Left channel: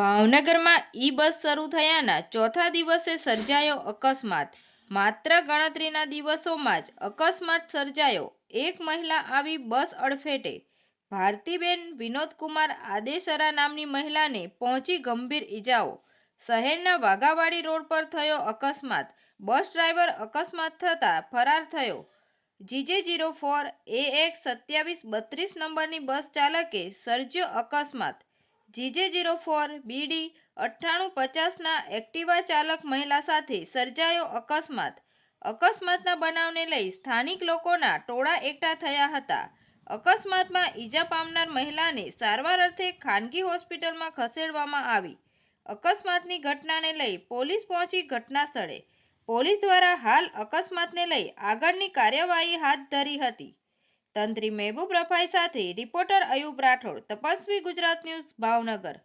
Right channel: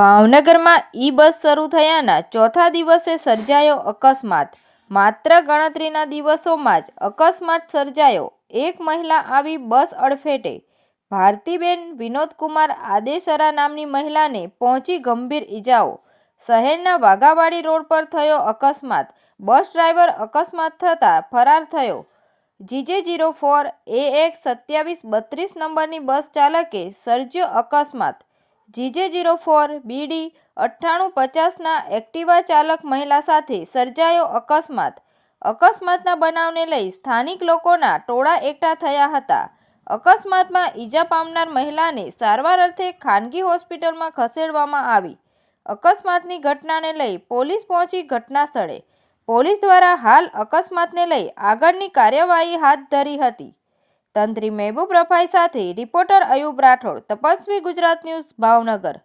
ભાવનગરમાં બસ શરૂ થયાના ચોથા દિવસે સર્જાયો અકસ્માત। માત્ર ગણતરીના દિવસોમાં જ અકસ્માત સર્જાયો। એક મહિલા આવી બસ અડફેટે। ભારતીબેન વિનોદકુમાર આદેસરા નામની મહિલાને પહોંચી ગંભીર ઇજાઓ। શહેરના વાઘાવાડી રોડ પર થયો અકસ્માત। બસ ડ્રાઈવર અકસ્માત થતાં ફરાર થયો। GJ04 AX 2732 નંબરની બસ ચાલકે સર્જ્યો અકસ્માત। GJ04 BD 9850ના એક્ટિવા ચાલક મહિલા સાથે સર્જાયો અકસ્માત। અકસ્માતના બનાવને લઈ સ્થાનિક લોકોના ટોળા એકઠા થયા હતા। અકસ્માતમાં ઈજા પામનાર મહિલાને સારવાર અર્થે ખાનગી હોસ્પિટલમાં ખસેડવામાં આવી। અકસ્માતની ઘટનાને લઈ પોલીસ પહોંચી ઘટના સ્થળે। પોલીસ દ્વારા હાલ અકસ્માતને લઈ આગળની કાર્યવાહી હાથ ધરી હતી। તંત્રી મહેબૂબ રફાઈ સાથે રિપોર્ટર અયુબ રાઠોડ, તપસ્વી ગુજરાત ન્યૂઝ, ભાવનગર।